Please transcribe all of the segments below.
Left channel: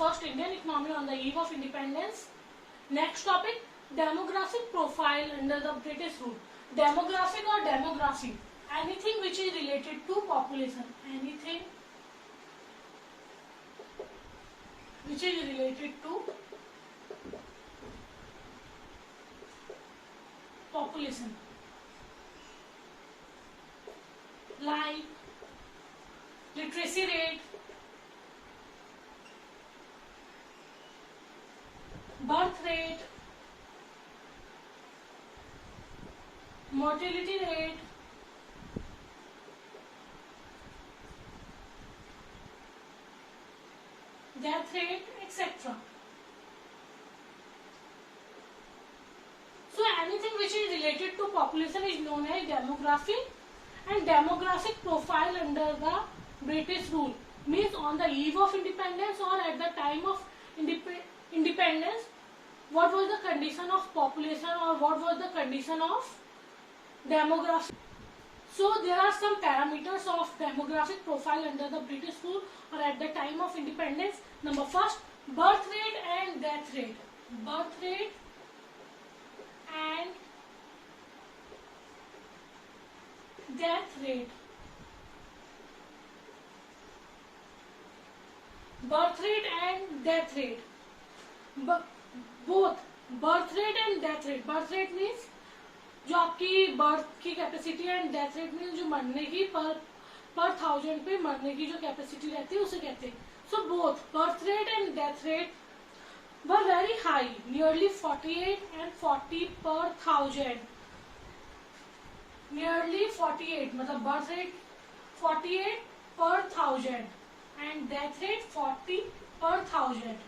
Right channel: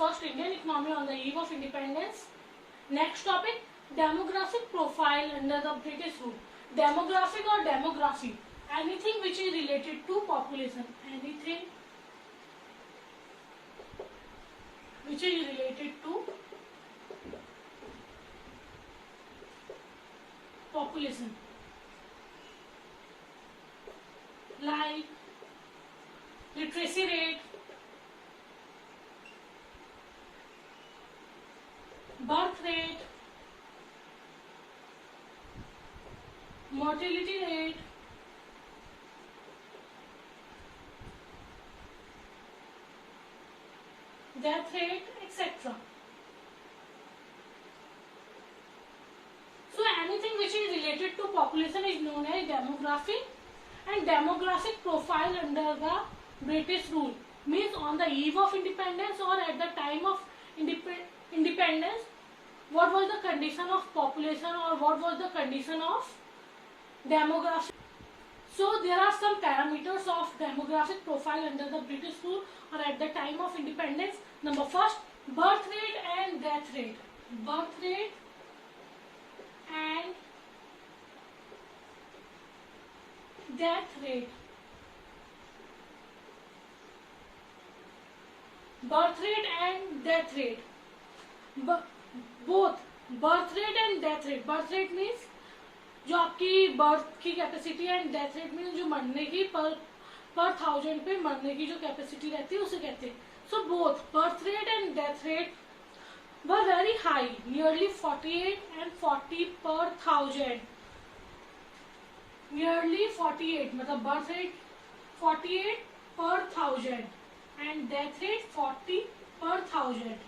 first Indian economy on the eve of independence. Next topic, demographic profile under the British rule. Demographic or demography, anything which is related to population, anything which is related to population, like literacy rate, birth rate, mortality rate, death rate, etc. So anything which is related to population is known as demography. And demographic profile under the British rule means on the eve of independence or at the time of independence, what was the condition of population or what was the condition of demography. So there are some parameters of demographic profile under the British rule or at the time of independence. Number first, birth rate and death rate. Birth rate and death rate. Birth rate and death rate. Both birth rate and death rate. Birth rate means जो आपकी birth की capacity है and death rate means जो मरने की पर thousand पे मरने की जो कैपेसिटी रहती है उसे कहते हैं. So both birth rate and death rate were very high, nearly 48 and 40 per thousand. Nearly 48 मतलब birth rate 48 per thousand and death rate 40 per thousand.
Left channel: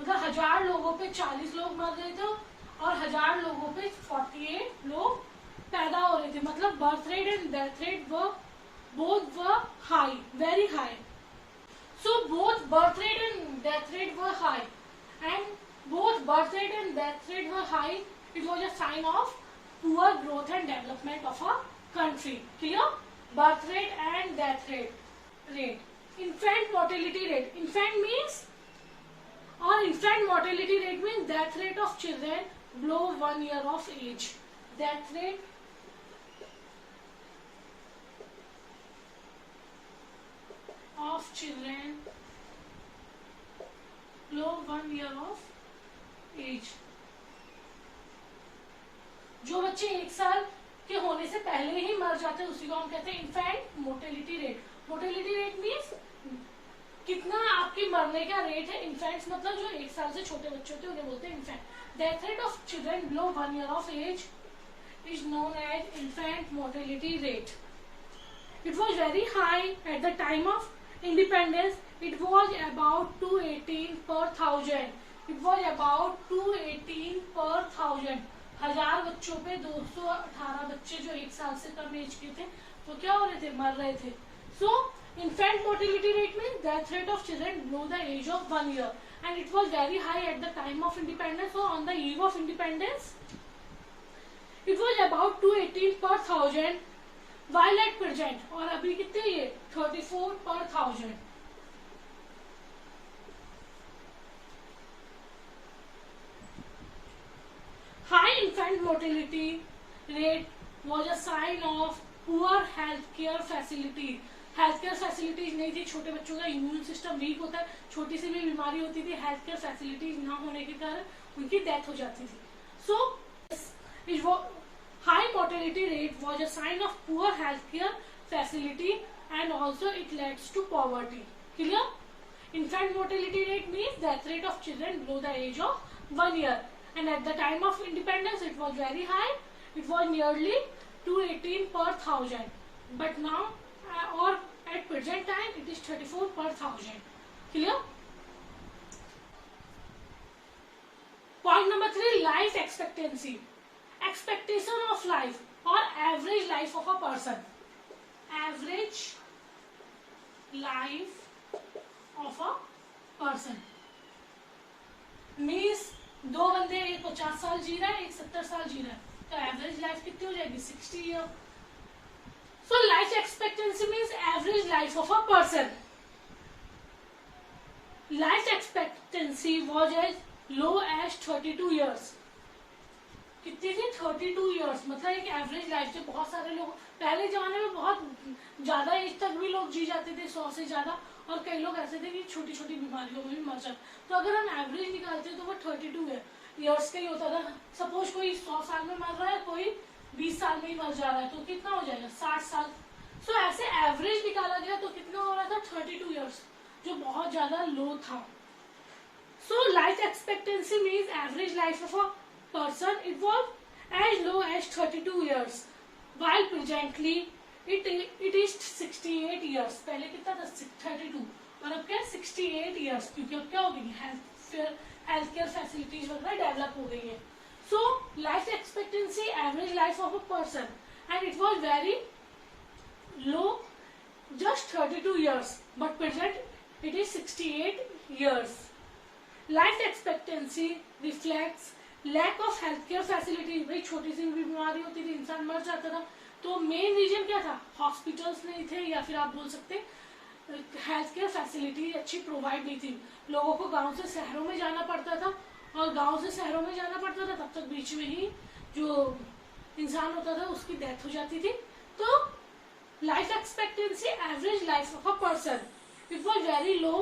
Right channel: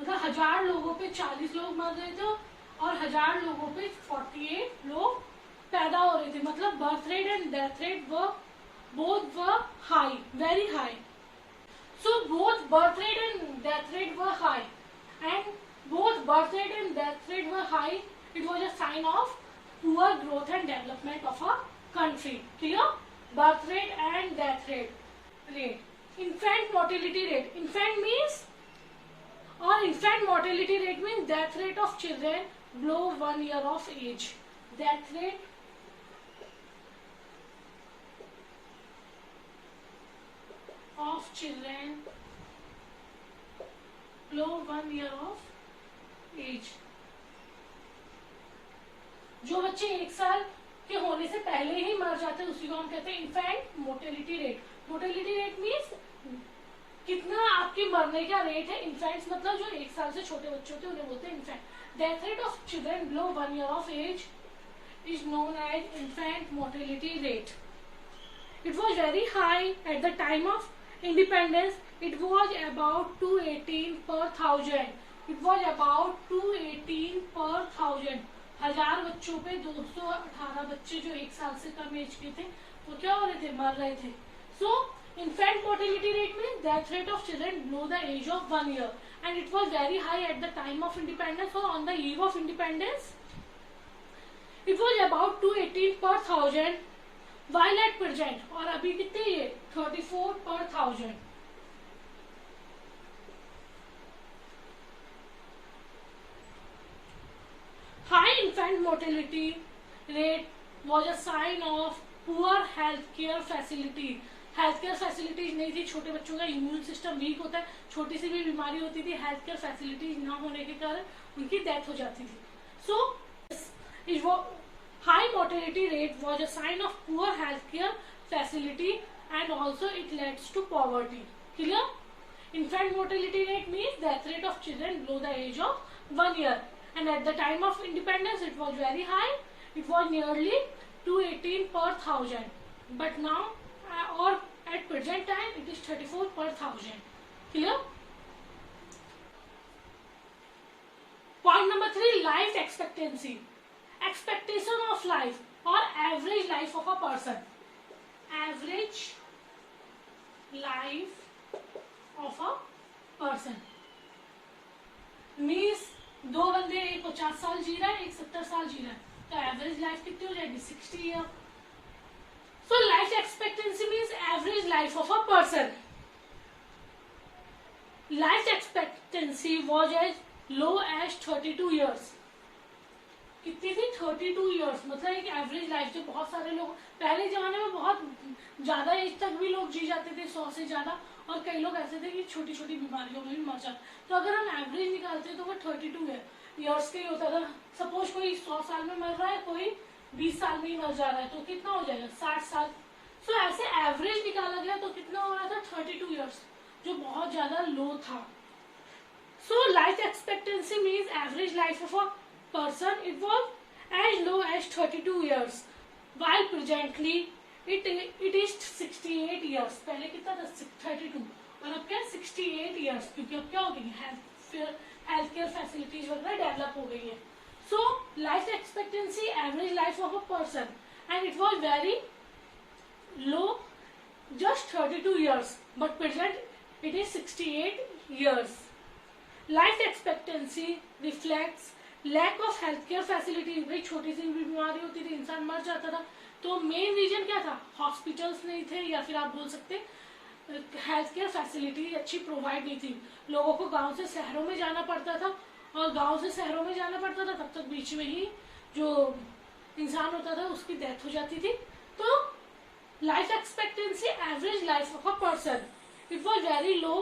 मतलब 1000 लोगों पे 40 लोग मर रहे थे और 1000 लोगों पे 48 लोग पैदा हो रहे थे. मतलब birth rate and death rate both were high, very high. So both birth rate and death rate were high, and both birth rate and death rate were high. It was a sign of poor growth and development of a country. Clear? Birth rate and death rate. Infant mortality rate. Infant mortality rate means death rate of children below 1 year of age. Death rate of children below 1 year of age. जो बच्चे 1 साल के होने से पहले ही मर जाते हैं उसी को हम कहते हैं infant mortality rate. Mortality rate means कितना आपकी मरने का रेट है. इन्फेंट्स मतलब जो 1 साल से छोटे बच्चे होते हैं उन्हें बोलते हैं infant. Death rate of children below 1 year of age is known as infant mortality rate. It was very high at the time of independence. It was about 218 per thousand. It was about 218 per thousand. 1000 बच्चों पे 218 बच्चे जो 1 साल से कम as के थे वो क्या हो रहे थे, मर रहे थे. So infant mortality rate means death rate of children below the age of 1 year, and it was very high at the time of independence. So on the eve of independence, it was about 218 per thousand. While at present, और अभी कितने ये 34 per thousand. High infant mortality rate was a sign of poor healthcare facilities. Health care facilities नहीं थी. छोटे बच्चों का immune system weak होता है, छोटी सी भी बीमारी होती थी, हेल्थ केयर फैसिलिटीज ना होने के कारण उनकी डेथ हो जाती थी. सो high mortality rate was a sign of poor healthcare facility and also it leads to poverty. Clear? Infant mortality rate means death rate of children below the age of 1 year, and at the time of independence it was very high. It was nearly 218 per thousand, but now or at present time it is 34 per thousand. Clear? Point number 3, life expectancy. Expectation of life or average life of a person. Average life of a person means दो बंदे, एक 50 साल जी रहा है, एक 70 साल जी रहा है, तो एवरेज लाइफ कितनी हो जाएगी, 60 year. So life expectancy means average life of a person. Life expectancy was as low as 32 years. कितनी थी? 32 ईयर्स, मतलब एक एवरेज लाइफ। जो बहुत सारे लोग पहले जमाने में बहुत ज्यादा एज तक भी लोग जी जाते थे, 100 से ज्यादा, और कई लोग ऐसे थे कि छोटी छोटी बीमारियों में भी मर जाते। तो अगर हम एवरेज निकालते तो वो 32 ईयर्स का ही होता था। सपोज कोई 100 साल में मर रहा है, कोई 20 साल में ही मर जा रहा है, तो कितना हो जाएगा? 60 साल। सो ऐसे एवरेज निकाला गया तो कितना हो रहा था? 32 ईयर्स, जो बहुत ज्यादा लो था। सो life expectancy means average life of a person, it was as low as 32 years, while presently it is 68 years. पहले कितना था? 32, और अब क्या? 68 years, क्योंकि अब क्या हो गई? हेल्थ केयर फैसिलिटीज वगैरह डेवलप हो गई है। सो life expectancy, average life of a person, and it was very low, just 32 years, but present it is 68 years. Life expectancy reflects lack of health care facilities. भाई छोटी सी भी बीमारी होती थी, इंसान मर जाता था। तो मेन रीजन क्या था? हॉस्पिटल्स नहीं थे, या फिर आप बोल सकते हेल्थ केयर फैसिलिटीज अच्छी प्रोवाइड नहीं थी। लोगों को गांव से शहरों में जाना पड़ता था, और गांव से शहरों में जाना पड़ता था, तब तक बीच में ही जो इंसान होता था उसकी डेथ हो जाती थी। तो life expectancy, average life of a person, it was very low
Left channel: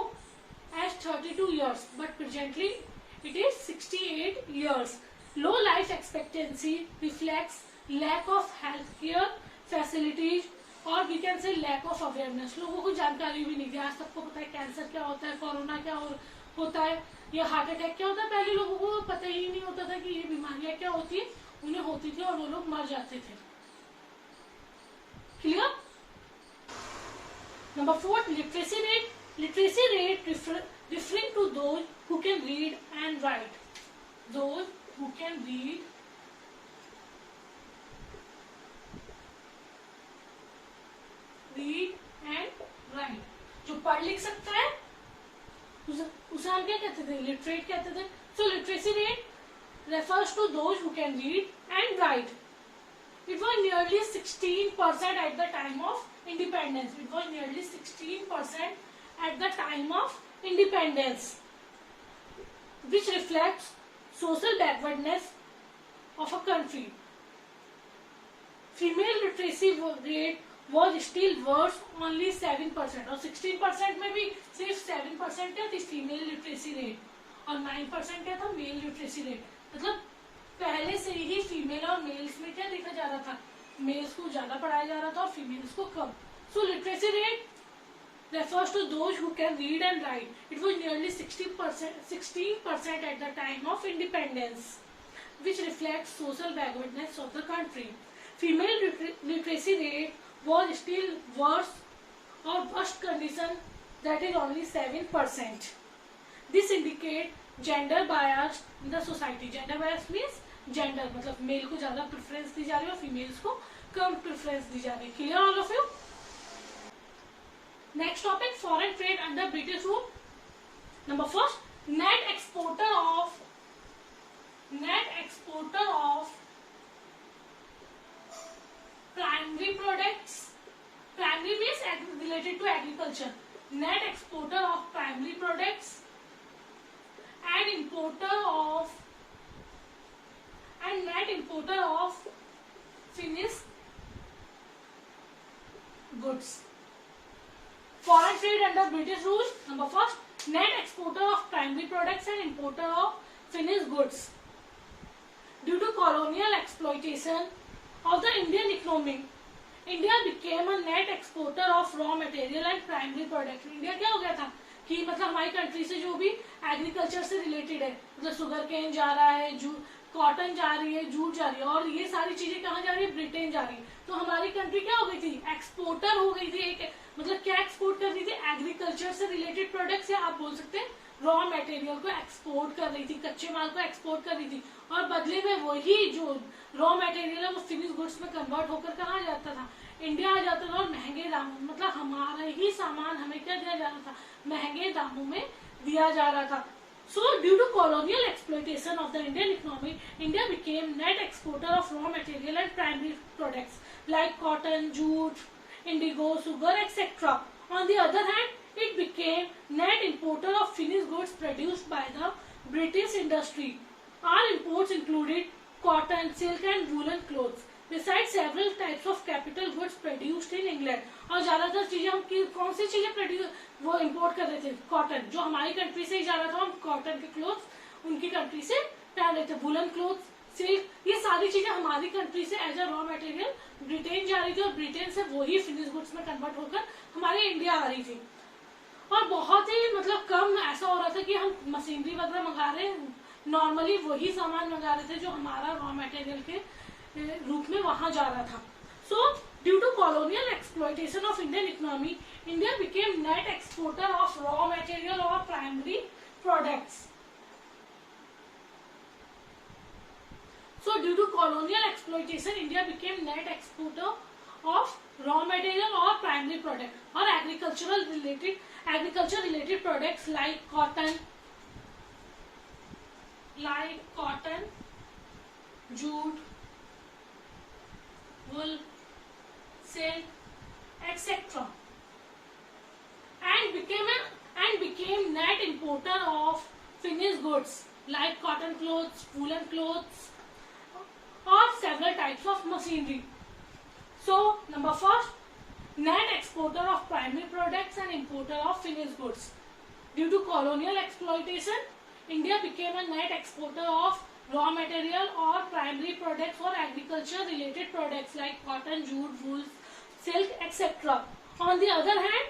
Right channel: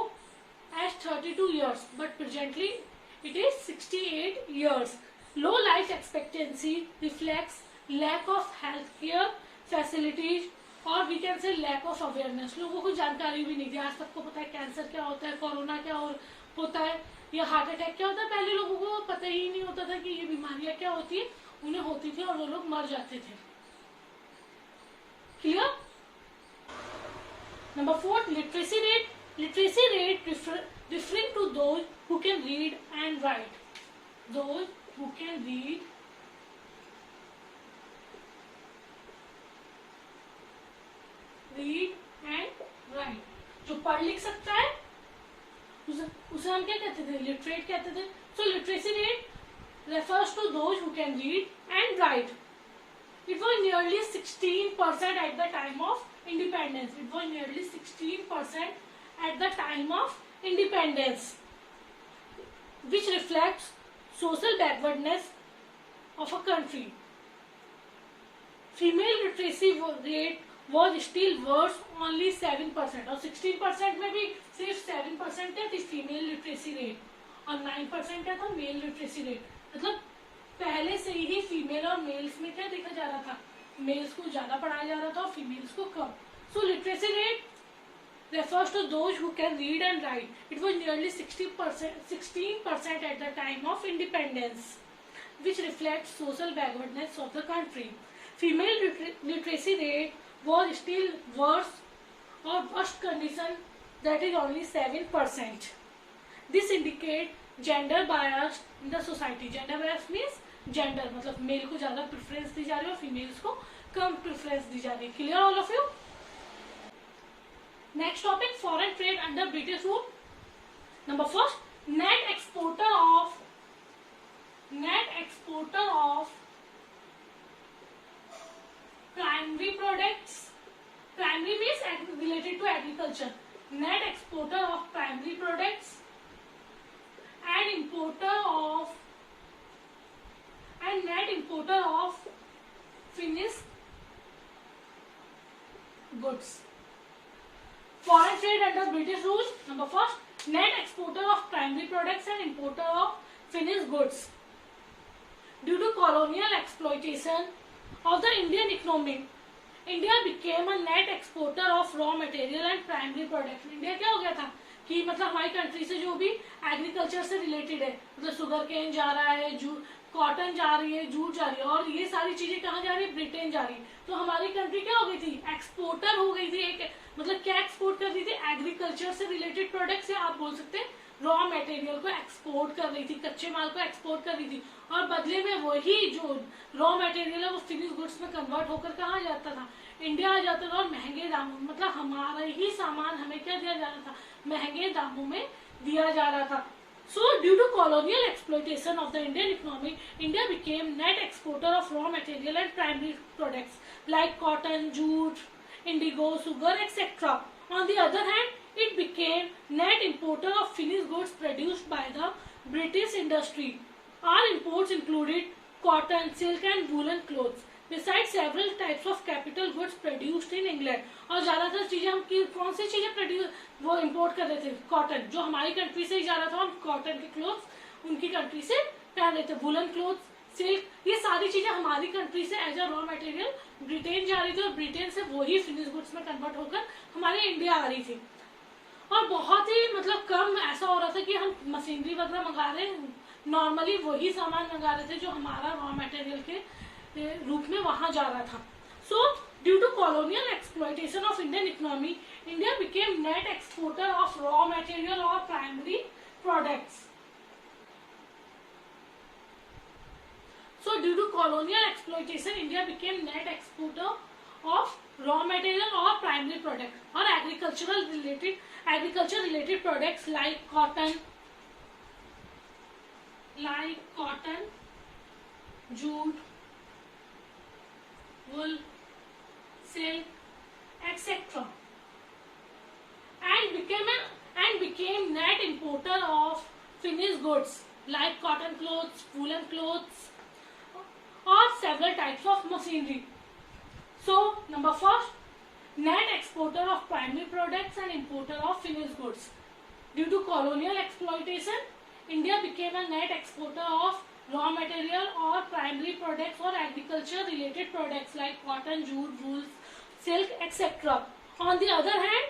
as 32 years, but presently it is 68 years. Low life expectancy reflects lack of healthcare facilities, और we can say lack of awareness. लोगों को जानकारी भी नहीं थी। आज सबको पता है कैंसर क्या होता है, कोरोना क्या होता है, या हार्ट अटैक क्या होता है। पहले लोगों को पता ही नहीं होता था कि ये बीमारियां क्या होती है, उन्हें होती थी और वो लोग मर जाते थे। Clear? Number 4, literacy rate. Literacy rate referring to those who can read and write. Those who can read and write, जो पढ़ लिख सकता है उसे हम क्या कहते थे? लिटरेट कहते थे। So literacy rate refers to those who can read and write. It was nearly 16% at the time of independence. It was nearly 16% at the time of independence, which reflects social backwardness of a country. Female literacy rate was still worse, only 7%, और 16% में भी सिर्फ 7% क्या थी female literacy rate, और 9% क्या था mail literacy rate. मतलब पहले से ही फीमेल और मेल्स में क्या देखा जा रहा था? मेल्स को ज्यादा पढ़ाया जा रहा था और फीमेल्स को कम। So literacy rate refers to those who can read and write. It was nearly 16% at the time of independence, which reflects social backwardness of the country. Female literacy rate was still worse or worst condition, that is only 7%. This indicates gender bias in the society. Gender bias means gender, मतलब mail को ज्यादा preference दी जा रही है और females को कम preference दी जा रही है। Clear all of you? Next topic, foreign trade under British rule. Number 1, net exporter of primary products. Primary means related to agriculture. Net exporter of primary products and net importer of finished goods. Foreign trade under British rules. Number 1, net exporter of primary products and importer of finished goods. Due to colonial exploitation of the Indian economy, India became a net exporter of raw material and primary products. India क्या हो गया था कि मतलब हमारी country से जो भी एग्रीकल्चर से रिलेटेड है, मतलब शुगर केन जा रहा है, कॉटन जा रही है, जूट जा रही है, और ये सारी चीजें कहाँ जा रही है? ब्रिटेन जा रही है। तो हमारी कंट्री क्या हो गई थी? एक्सपोर्टर हो गई थी। एक मतलब क्या एक्सपोर्ट कर रही थी? एग्रीकल्चर से रिलेटेड प्रोडक्ट्स है, आप बोल सकते हैं रॉ मटेरियल को एक्सपोर्ट कर रही थी, कच्चे माल को एक्सपोर्ट कर रही थी, और बदले में वही जो रॉ मटेरियल है वो फिनिश गुड्स में कन्वर्ट होकर कहाँ जाता था? इंडिया आ जाता था, और महंगे दामों, मतलब हमारा ही सामान हमें क्या दिया जा रहा था? महंगे दामों में दिया जा रहा था। So, due to colonial exploitation of the Indian economy, India became net exporter of raw material and primary products like cotton, jute, indigo, sugar, etc. On the other hand, it became net importer of finished goods produced by the British industry. Our imports included cotton, silk and woolen clothes, besides several types of capital goods produced in England. और ज्यादातर चीजें हम कौन सी चीजें produce वो import कर रहे थे? कॉटन, जो हमारी कंट्री से ही जा रहा था, हम कॉटन के क्लोथ्स उनकी कंट्री से पहन रहे थे। वुलन क्लोथ्स, सिल्क, ये सारी चीजें हमारी कंट्री से as a raw material Britain जा रही थी और ब्रिटेन से वही फिनिश गुड्स में कन्वर्ट होकर हमारे इंडिया आ रही थी। और बहुत ही मतलब कम ऐसा हो रहा था कि हम मशीनरी वगैरह मंगा रहे, नॉर्मली वही सामान मंगा रहे थे जो हमारा रॉ मटेरियल के रूप में वहां जा रहा था। So due to colonial exploitation of Indian economy, India became net exporter of raw material और primary products. So due to colonial exploitation, India became net exporter of raw material or primary product or agriculture related products like cotton, jute, wool, silk, etc. and became net importer of finished goods like cotton clothes, woolen clothes, or several types of machinery. So, number first, net exporter of primary products and importer of finished goods. Due to colonial exploitation, India became a net exporter of raw material or primary products or agriculture-related products like cotton, jute, wool, silk, etc. On the other hand,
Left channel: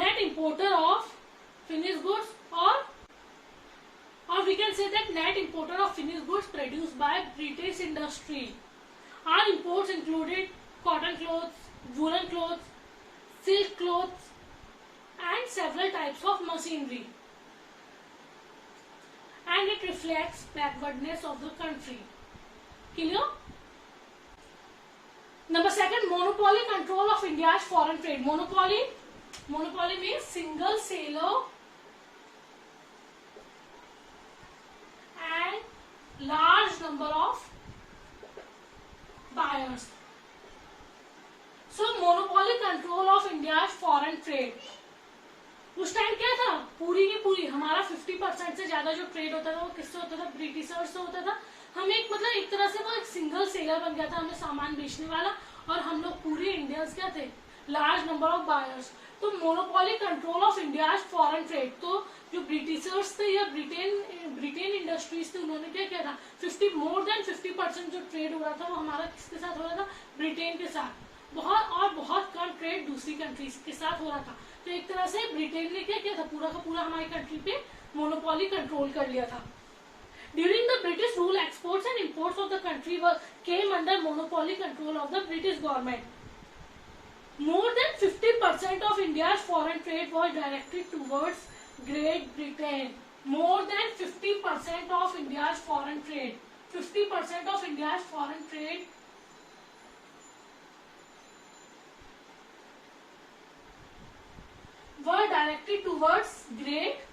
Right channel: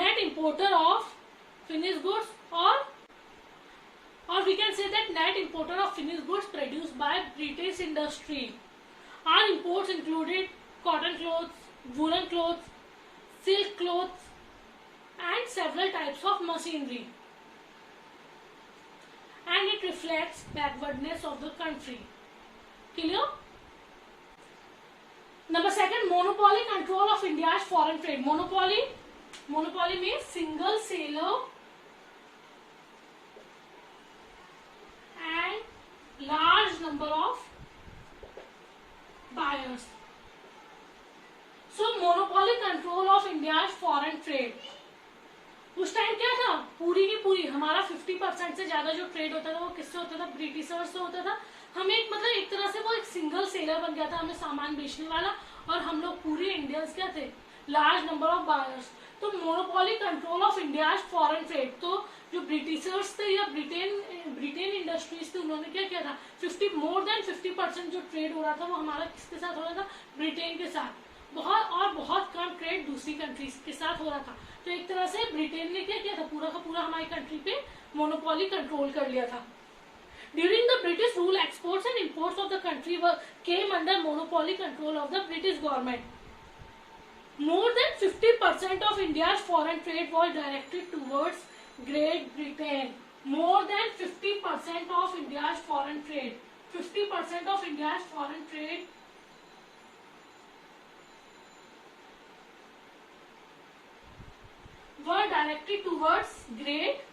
net importer of finished goods or we can say that net importer of finished goods produced by British industry. Our imports included cotton clothes, woolen clothes, silk clothes and several types of machinery. And it reflects backwardness of the country. Clear? Number second, monopoly control of India's foreign trade. Monopoly means single seller and large number of buyers. So monopoly control of India's foreign trade. उस time क्या था, पूरी की पूरी हमारा 50% से ज्यादा जो ट्रेड होता था वो किससे होता था? ब्रिटिशर्स से होता था। हम एक तरह से वो एक सिंगल सेलर बन गया था, हमें सामान बेचने वाला, और हम लोग पूरे इंडियंस क्या थे? Large number of buyers. तो monopoly control of India foreign trade, तो जो ब्रिटिशर्स थे या ब्रिटेन इंडस्ट्रीज थे, उन्होंने क्या किया था? मोर देन 50% जो ट्रेड हो रहा था वो हमारा किसके साथ हो रहा था? ब्रिटेन के साथ। बहुत कम ट्रेड दूसरी कंट्रीज के साथ हो रहा था। तो एक तरह से ब्रिटेन ने क्या किया था? पूरा का पूरा हमारी कंट्री पे मोनोपोली कंट्रोल कर लिया था। During the British rule, exports and imports of the country came under monopoly control of the British government. More than 50% of India's foreign trade was directed towards Great Britain. More than 50% of India's foreign trade. 50% of India's foreign trade were directed towards Great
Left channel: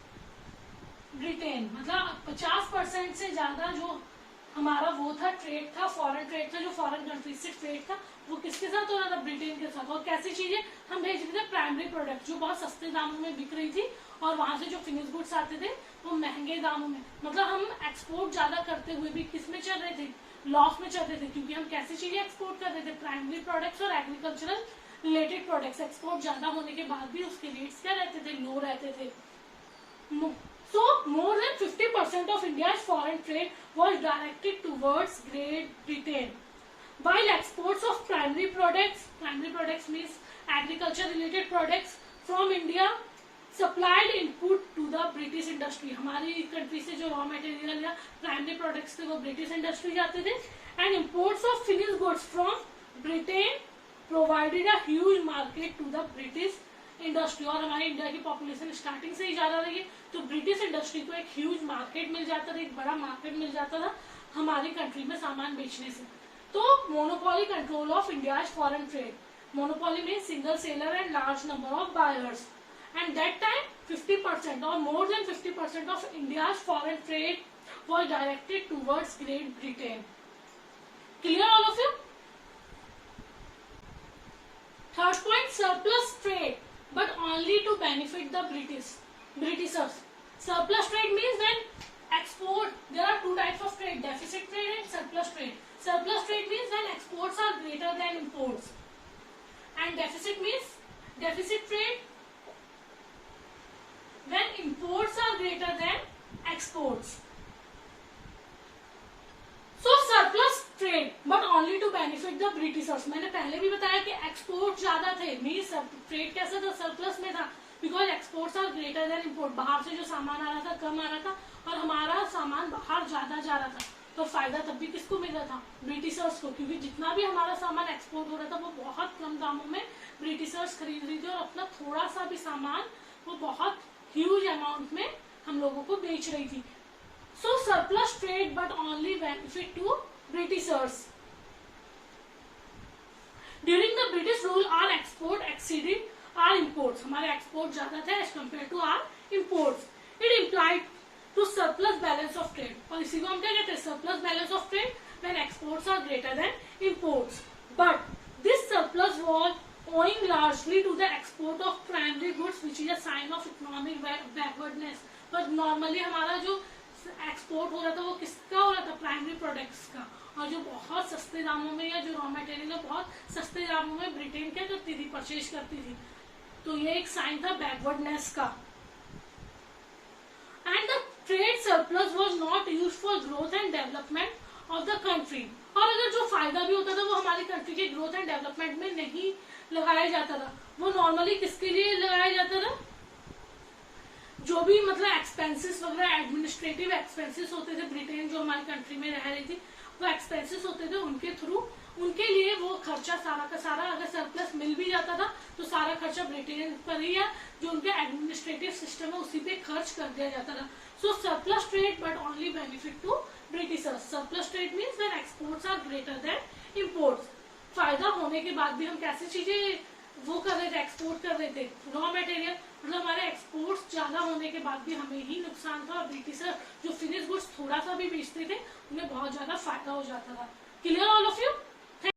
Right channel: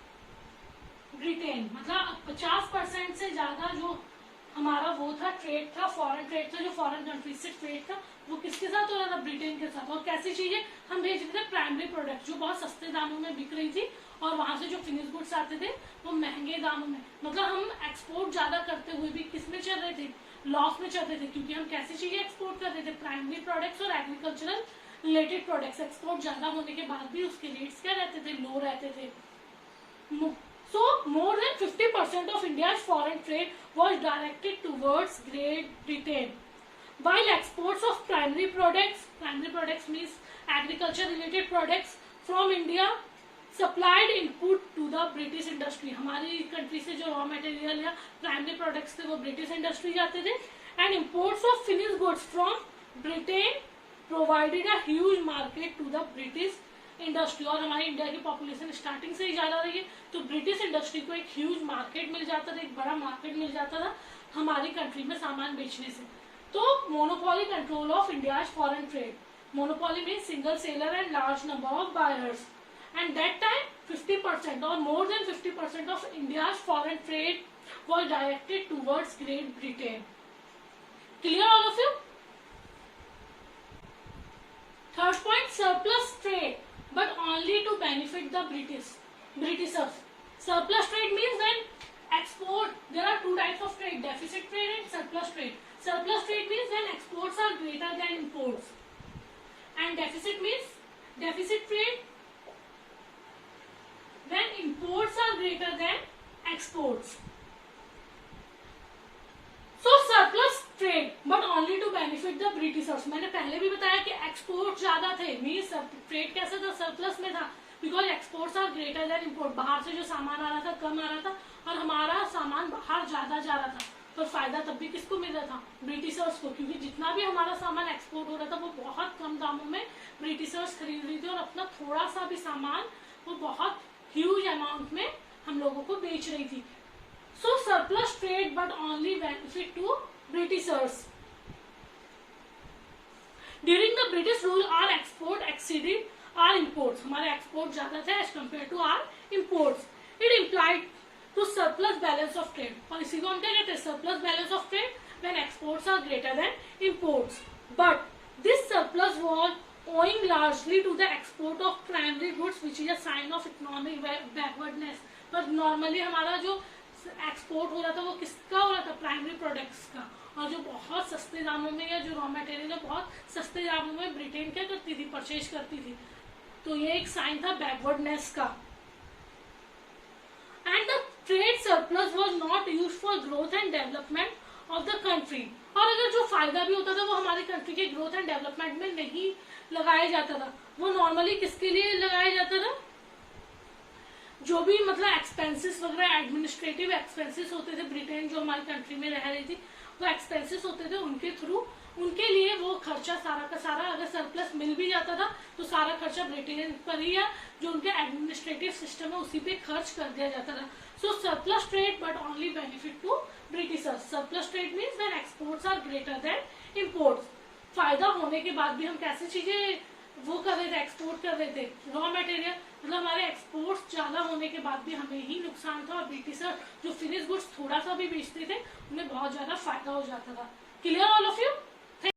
Britain. मतलब 50% से ज्यादा जो हमारा वो था trade था, foreign trade था, जो फॉरेन कंट्री से ट्रेड था, वो किसके साथ हो रहा था? ब्रिटेन के साथ। और कैसी चीजें हम भेज रहे थे? प्राइमरी प्रोडक्ट, जो बहुत सस्ते दामों में बिक रही थी, और वहां से जो फिनिश गुड्स आते थे वो महंगे दामों में। मतलब हम एक्सपोर्ट ज्यादा करते हुए भी किस में चल रहे थे? लॉस में चल रहे थे, क्योंकि हम कैसी चीजें एक्सपोर्ट कर रहे थे? प्राइमरी प्रोडक्ट्स और एग्रीकल्चरल रिलेटेड प्रोडक्ट्स। एक्सपोर्ट ज्यादा होने के बाद भी उसके रेट्स क्या रहते थे? लो रहते थे। So, more than 50% of India's foreign trade was directed towards Great Britain. While exports of primary products means agriculture-related products from India, supplied input to the British industry. हमारी कंट्री से जो रॉ मटेरियल या primary products थे वो British industry जाते थे। And imports of finished goods from Britain provided a huge market to the British industry. और हमारी इंडिया की पॉपुलेशन स्टार्टिंग से ही ज्यादा रही है, तो ब्रिटिश इंडस्ट्री को एक ह्यूज मार्केट मिल जाता था, एक बड़ा मार्केट मिल जाता था हमारी कंट्री में सामान बेचने से। तो monopoly control of India foreign trade. Monopoly mean single seller and large number of buyers. And that time 50% और more than 50% of India foreign trade was directed towards great Britain. Clear all of you? Third point, surplus trade. but only to benefit the Britishers. Surplus trade means when export, there are two types of trade, deficit trade and surplus trade. Surplus trade means when exports are greater than imports, and deficit means deficit trade when imports are greater than exports. So surplus trade but only to benefit the Britishers. मैंने पहले भी बताया कि export ज्यादा थे, means trade कैसा था, surplus में था, because exports are greater than import. बाहर से जो सामान आ रहा था कम आ रहा था और हमारा सामान बाहर ज्यादा जा रहा था, तो फायदा तब भी किसको मिल रहा था, ब्रिटिशर्स को, क्योंकि जितना भी हमारा सामान एक्सपोर्ट हो रहा था वो बहुत कम दामों में ब्रिटिशर्स खरीद रही थी और अपना थोड़ा सा भी सामान वो बहुत ह्यूज अमाउंट में हम लोगों को बेच रही थी. So surplus trade but only benefit to Britishers. During the British rule, our export exceeded our imports. हमारे export ज्यादा थे as compared to our imports. It implied to surplus balance of trade. और इसी को हम क्या कहते हैं, surplus balance of trade when exports are greater than imports. But this surplus was owing largely to the export of primary goods, which is a sign of economic backwardness. But normally हमारा जो export हो रहा था वो किसका हो रहा था, प्राइमरी प्रोडक्ट्स का, और जो बहुत सस्ते दामों में या जो रॉ मटेरियल है बहुत सस्ते दामों में ब्रिटेन क्या करती थी, परचेज करती थी. तो ये एक साइन था बैकवर्डनेस का. And the trade surplus was not used for growth and development of the country. और अगर जो फायदा भी होता था वो हमारी कंट्री के ग्रोथ एंड डेवलपमेंट में नहीं लगाया जाता था, वो नॉर्मली किसके लिए लगाया जाता था, जो भी मतलब एक्सपेंसेस वगैरह एडमिनिस्ट्रेटिव एक्सपेंसेस होते थे, ब्रिटेन जो हमारी कंट्री में रह रही थी वो एक्सपेंसेस होते थे उनके थ्रू, उनके लिए वो खर्चा सारा का सारा, अगर सरप्लस मिल भी जाता था तो सारा खर्चा ब्रिटेन पर ही या जो उनके एडमिनिस्ट्रेटिव सिस्टम है उसी पे खर्च कर दिया जाता था. So surplus trade but only benefit to Britishers. Surplus trade means when exports are greater than imports. फायदा होने के बाद भी हम कैसी चीजें वो कर रहे थे, एक्सपोर्ट कर रहे थे, रॉ मटेरियल, मतलब हमारे एक्सपोर्ट्स ज्यादा होने के बाद भी हमें ही नुकसान था और ब्रिटिशर जो फिनिश गुड्स थोड़ा सा भी बेचते थे उन्हें बहुत ज्यादा फायदा हो जाता था. Clear all of you?